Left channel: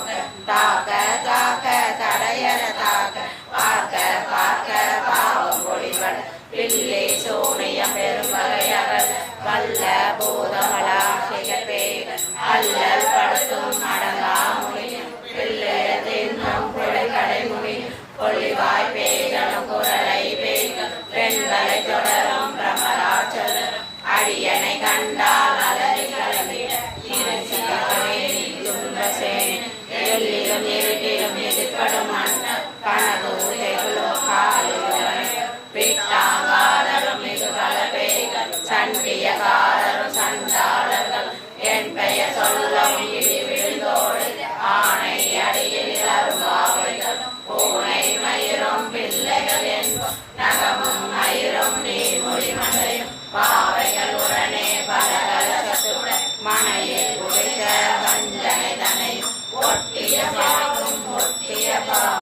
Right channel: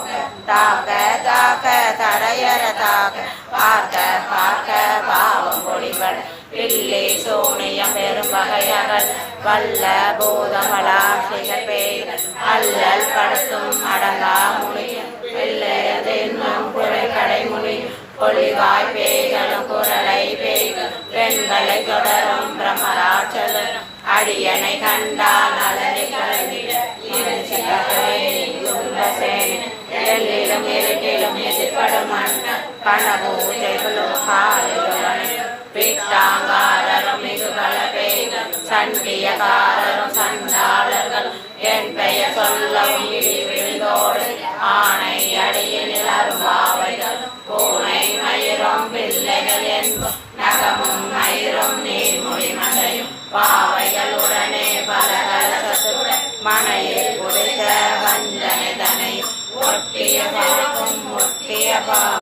போக்க தாக்க தாக்க தரையற தாக்க பார்க்க பார்க்க பாவம் பொழிவன் வில்லை சோனையம் பெரும் வகையகள் வல்ல பூதமலா சிகப்பே அல்லல் படுத்தும் அடங்கா முனி பிள்ளை தின்னும் குறை கடைமுனி பொழிவாய் பேய்களும் குரலை பெண்களை தொடரும் பிரமராச்சலும் அடியனை கண்டால் நலனே எல்லிலும் இருட்டிலும் எதிர்படும் கனபூஜைகளும் காலிலும் பிட்டாங்காரரும் இது பல பேய்கள் சண்டியகாரரும் சண்டாளர்கள் என் பெயர் சொல்ல உயிரி விழுந்தோடு ஆணை அடையில் அரும்பாவைகள் பூனை மயிரும் பிள்ளைகள் என்ப நகமும் மயிரும் நீர்மொழி மண்டையும் பாவைகளுடனே பல சத்து மனையில் குடித்த வஞ்சனை தனை